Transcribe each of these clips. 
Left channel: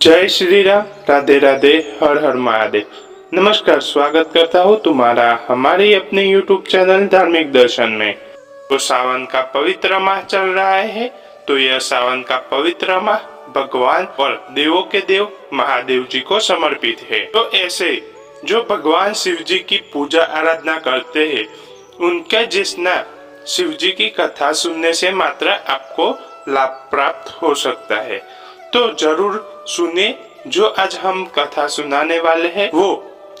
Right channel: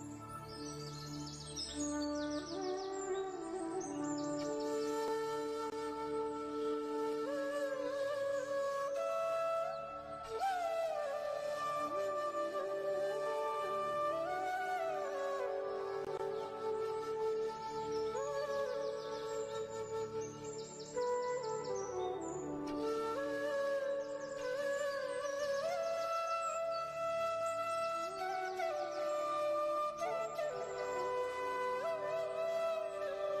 जय श्री राम। राधे राधे। हर हर महादेव। नमस्कार, स्वागत करता हूँ तुम्हारा हमारे अपने YouTube चैनल धार्मिक दर्शन में। तो सावन का पवित्र माह चल रहा है, तो यह सावन का पवित्र माह भगवान और देवों के देव महादेव जी को समर्पित है। तो ऐसे जो भगवान शिव जी की पूजा आराधना करते हैं, उनका जिसना शिव जी की कथा सुनने से मात्र आपको लाभ प्राप्त हो सकता है। तो जरूर सुने। जो आज हम कथा सुनाने वाले हैं वो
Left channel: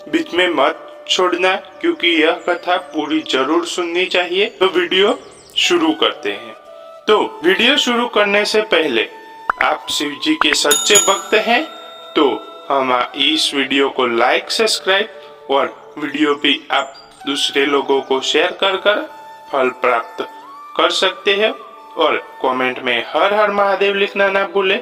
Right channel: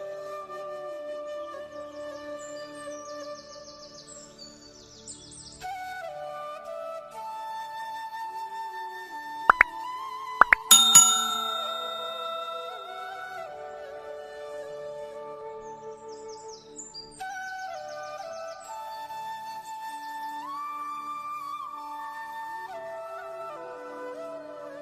बीच में मत छोड़ना, क्योंकि यह कथा पूरी जरूर सुननी चाहिए। तो वीडियो शुरू करते हैं। तो वीडियो शुरू करने से पहले आप शिव जी के सच्चे भक्त हैं तो हम इस वीडियो को लाइक, सब्सक्राइब और वीडियो भी आप दूसरे लोगों को शेयर कर फल प्राप्त कर सकते हैं। और कमेंट में हर हर महादेव लिखना ना भूले।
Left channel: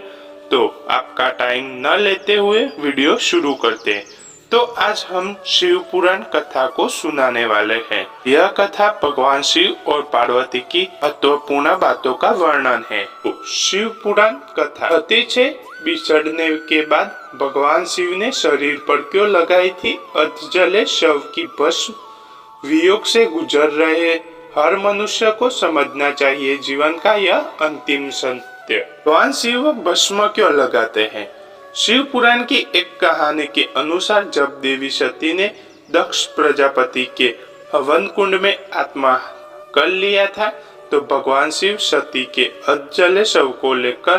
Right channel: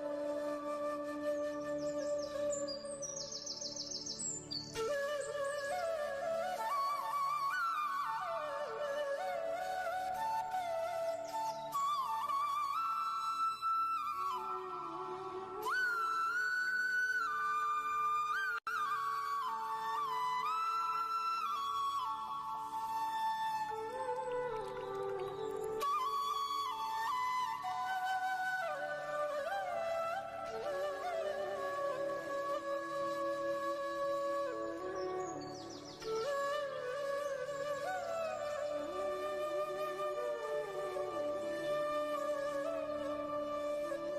तो आपका टाइम न लेते हुए वीडियो शुरू करते हैं। तो आज हम शिव पुराण कथा को सुनाने वाले हैं। यह कथा भगवान शिव और पार्वती की महत्वपूर्ण बातों का वर्णन है। तो शिव पुराण कथा अतिशय बिछड़ने के बाद भगवान शिव ने शरीर पर क्यों लगाई थी। अधजले शव की भस्म वियोग से गुजर रहे हर मनुष्य को समझना चाहिए जीवन का यह अंतिम सत्य। भगवान शिव भस्म क्यों लगाते हैं। शिव पुराण की एक कहानी के अनुसार जब देवी सती ने दक्ष प्रजापति के हवन कुंड में आत्मा कर लिया था, तो भगवान शिव सती के अधजले शव को लेकर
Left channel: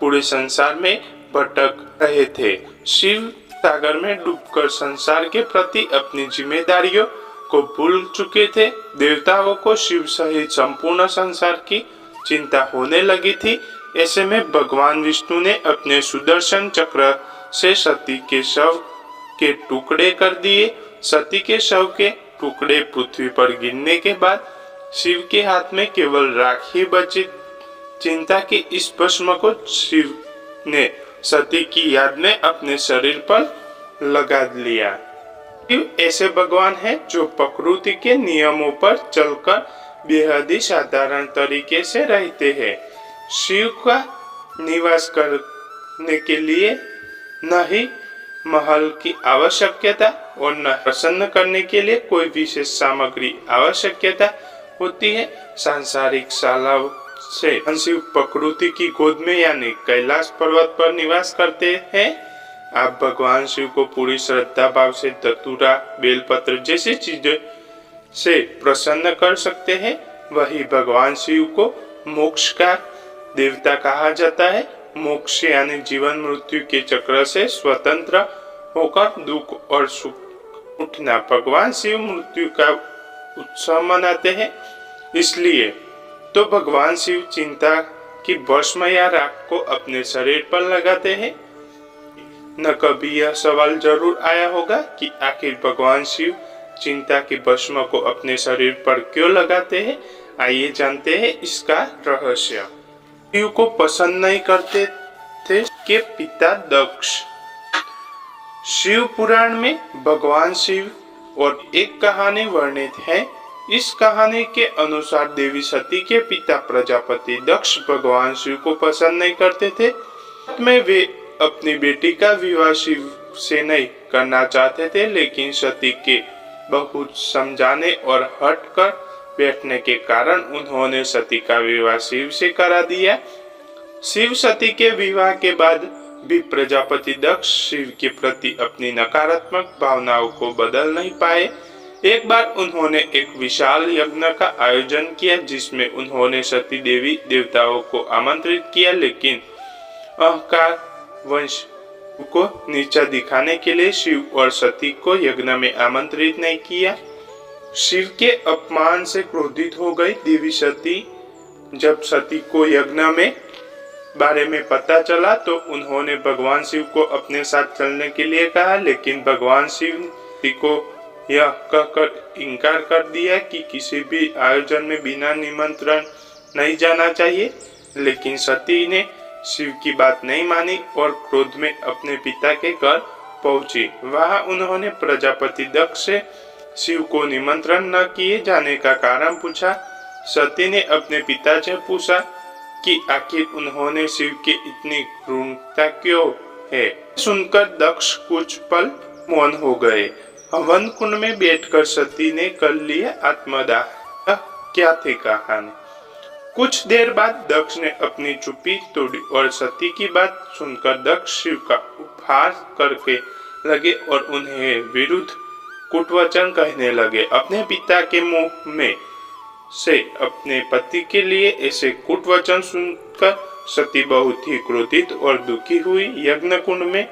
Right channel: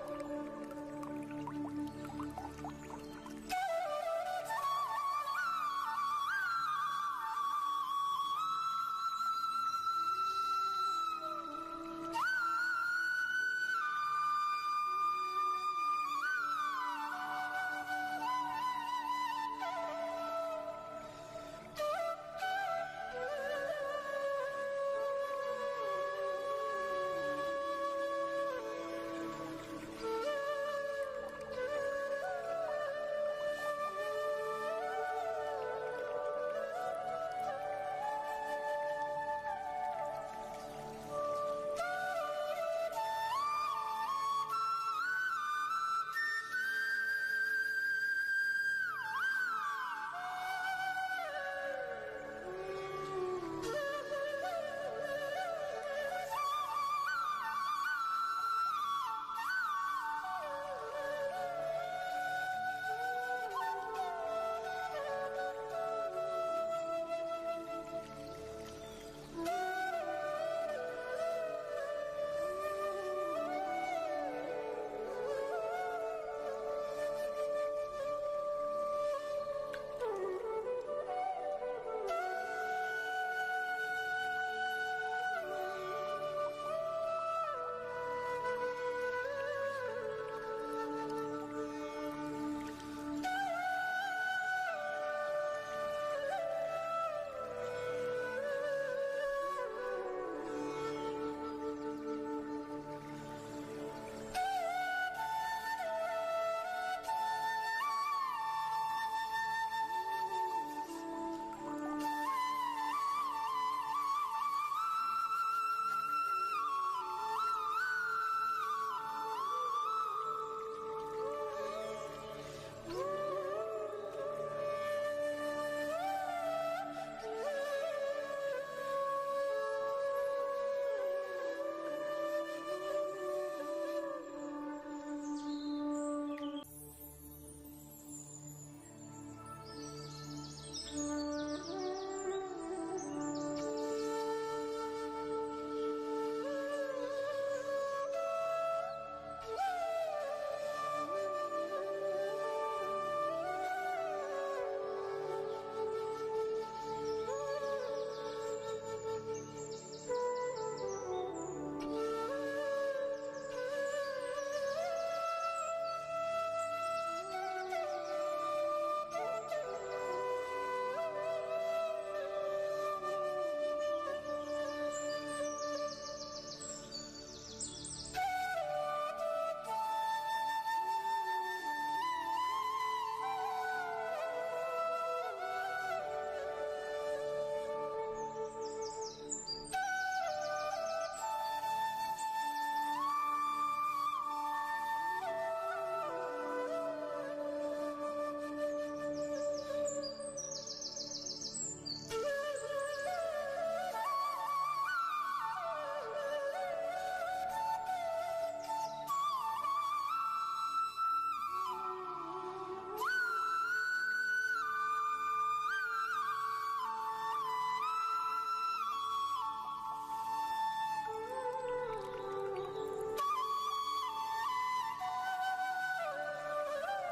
पूरे संसार में भटक रहे थे। शिव सागर में डूबकर संसार के प्रति अपनी जिम्मेदारियों को भूल चुके थे। देवताओं को शिव सहित संपूर्ण संसार की चिंता होने लगी थी। ऐसे में भगवान विष्णु ने अपने सुदर्शन चक्र से सती के शव के टुकड़े कर दिए। सती के शव के टुकड़े पृथ्वी पर गिरने के बाद शिव के हाथ में केवल राख ही बची। चिंता की इस भस्म को शिव ने सती की याद में अपने शरीर पर लगा लिया। शिव ऐसे भगवान हैं जो प्रकृति के नियमों पर चलकर बेहद ही साधारण तरीके से रहते हैं। शिव का निवास करने के लिए न ही महल की आवश्यकता और न प्रसन्न करने के लिए कोई विशेष सामग्री आवश्यकता होती है। सांसारिक शालाओं से शिव प्रकृति की गोद में यानी कैलाश पर्वत पर निवास करते हैं। आप भगवान शिव को पूरी श्रद्धा भाव से धतूरा, बेलपत्र जैसी चीजें से प्रसन्न कर सकते हैं। वही भगवान शिव को मोक्ष का देवता कहा जाता है। मोक्ष यानी जीवन मृत्यु के चक्र से स्वतंत्र होकर दुख और सुख उठना। भगवान शिव मृत्यु का उत्सव मनाते हैं। इसलिए तो भगवान शिव चिंता की भस्म या राख को अपने शरीर पर लगाते हैं। न कभी यह सवाल जरूर आया होगा कि आखिर भगवान शिव चिंता की भस्म को अपने शरीर पर क्यों लगाते हैं। आइए जानते हैं इसका रहस्य। शिव को पसंद नहीं करते थे के पिता दक्ष। शिव पुराण में भगवान शिव और एक कहानी वर्णित है। इस कहानी के अनुसार देवी सती के पिता प्रजापति दक्ष भगवान शिव को पसंद नहीं करते थे। में वे अपनी बेटी का विवाह शिव से नहीं करना चाहते थे, लेकिन सती के बहुत समझाने और हट कर बैठने के कारण उन्होंने सती का विवाह शिव से करा दिया। शिव सती के विवाह के बाद भी प्रजापति दक्ष शिव के प्रति अपनी नकारात्मक भावनाओं को बदल नहीं पाए। एक बार उन्होंने एक विशाल यज्ञ का आयोजन किया जिसमें उन्होंने सती देवी देवताओं को आमंत्रित किया, लेकिन अहंकार वंश को नीचा दिखाने के लिए शिव और सती को यज्ञ में आमंत्रित नहीं किया। शिव के अपमान से क्रोधित हो गई देवी सती। जब सती को यज्ञ में बारे में पता चला तो उन्होंने भगवान शिव को अपने साथ चलने के लिए कहा, लेकिन भगवान शिव को यह कहकर इनकार कर दिया कि किसी भी आयोजन में बिना निमंत्रण नहीं जाना चाहिए। लेकिन सती ने शिव की बात नहीं मानी और क्रोध में अपने पिता के घर पहुंची। वहां उन्होंने प्रजापति दक्ष से शिव को निमंत्रण न किए जाने का कारण पूछा। सती ने अपने पिता से पूछा कि आखिर उन्होंने शिव की इतनी क्रूरता क्यों है। सुनकर दक्ष कुछ पल मौन हो गए। हवन कुंड में बैठकर सती ने कर लिया आत्मदाह। क्या थी कहानी। कुछ देर बाद दक्ष ने अपनी चुप्पी तोड़ी और सती की बात सुनकर दक्ष शिव का उपहास करके लगे और उन्हें विरुद्ध कुटवचन कहने लगे। अपने पिता के मुंह में से अपने पति के लिए ऐसे कुटवचन सुनकर सती बहुत ही क्रोधित और दुखी हुई। यज्ञ कुंड में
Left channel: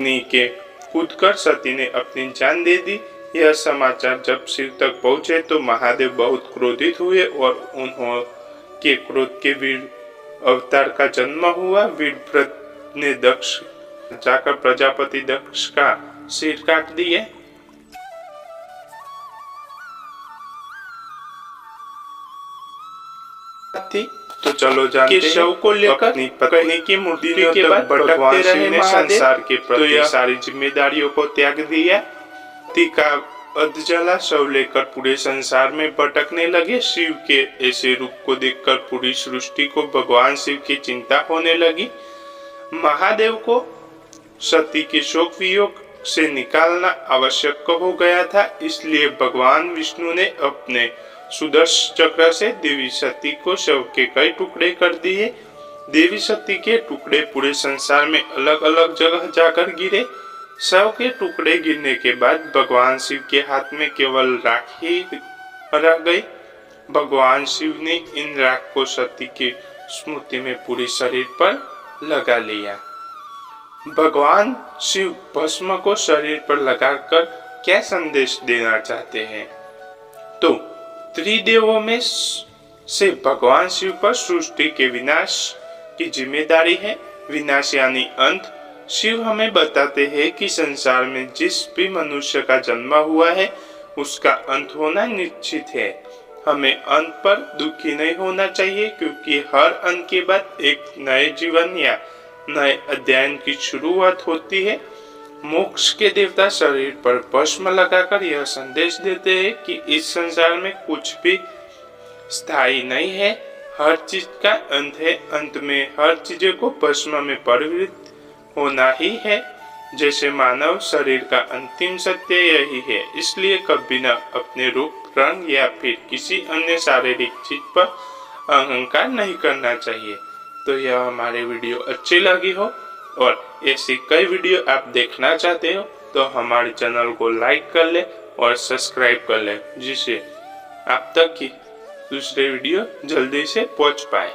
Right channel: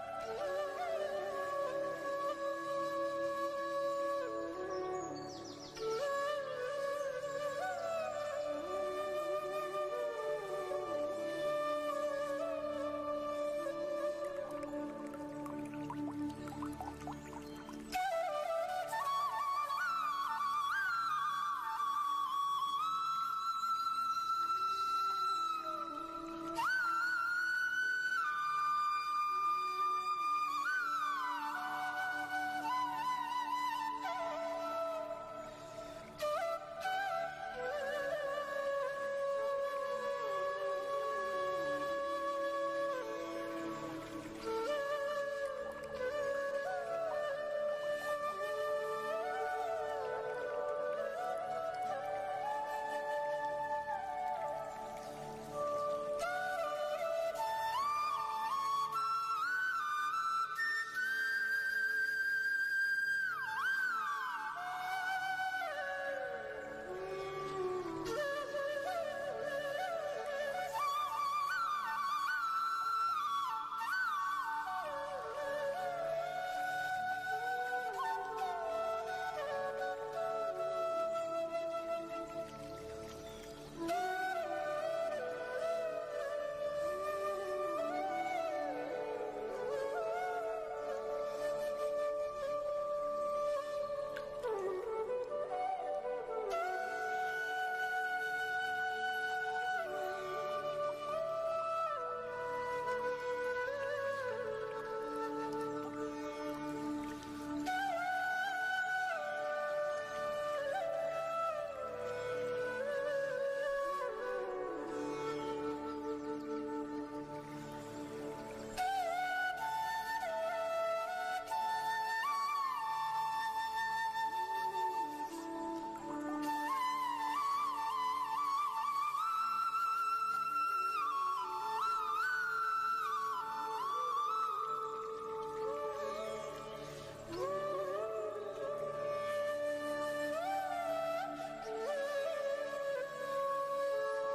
नीचे कूदकर सती ने अपनी जान दे दी। यह समाचार जब शिव तक पहुंचे तो महादेव बहुत क्रोधित हुए और उन्होंने क्रोध के वीर अवतार का जन्म हुआ। वीरव्रत ने दक्ष जाकर प्रजापति दक्ष का सिर काट दिए। तो चलो जानते हैं शव को लेकर अपनी पत्नी की मृत्यु के बाद भटकते रहे ने संसार के प्रति सारी जिम्मेदारियों को त्याग दिया। टीका अधजला शव लेकर पूरे संसार में भटकने लगे। शिव के ऐसे रूप को देखकर पूरी सृष्टि को भगवान शिव की चिंता होने लगी। महादेव को सती के शोक वियोग से निकालना आवश्यक हो गया था, इसलिए भगवान विष्णु ने अपने सुदर्शन चक्र से देवी सती को शव के कई टुकड़े कर दिए। देवी सती के टुकड़े पूरे संसार में अलग अलग जगह जाकर गिरे। शव के टुकड़े गिरने के बाद भगवान शिव के हाथ में केवल राख ही रह गई। भगवान शिव ने इन राख को सती की स्मृति में पूरे शरीर पर लगा लिया। भगवान शिव भस्म को शरीर पर लगाकर क्या संदेश देना चाहते हैं? तो त्रिदेवों में से भगवान शिव पर सृष्टि के विनाश की जिम्मेदारी है। विनाश यानी अंत। शिव हमें बताते हैं कि संसार में जिस भी मनुष्य का जन्म हुआ है उसका अंत होना निश्चित है। हमें अंत पर दुखी नहीं होना चाहिए, क्योंकि हर अंत के बाद एक नए जीवन या नए अध्ययन की शुरुआत होती है। मोक्ष के देवता शरीर पर भस्म लगाकर यह संदेश देते हैं कि इस संसार में कुछ भी स्थायी नहीं है, हर चीज का अंत है। अंत में हर चीजों को भस्म में परिवर्तित होना ही है। जैसे मानव शरीर का अंतिम सत्य यही है, इसलिए कभी न अपने रूप, रंग या फिर किसी अन्य शारीरिक चीज पर अहंकार नहीं करना चाहिए। तो यह हमारे वीडियो अच्छी लगी हो और ऐसी कई वीडियो आप देखना चाहते हो तो हमारे चैनल को लाइक कर ले और सब्सक्राइब कर ले, जिससे आप तक की दूसरे वीडियो जल्दी से पहुंच पाए।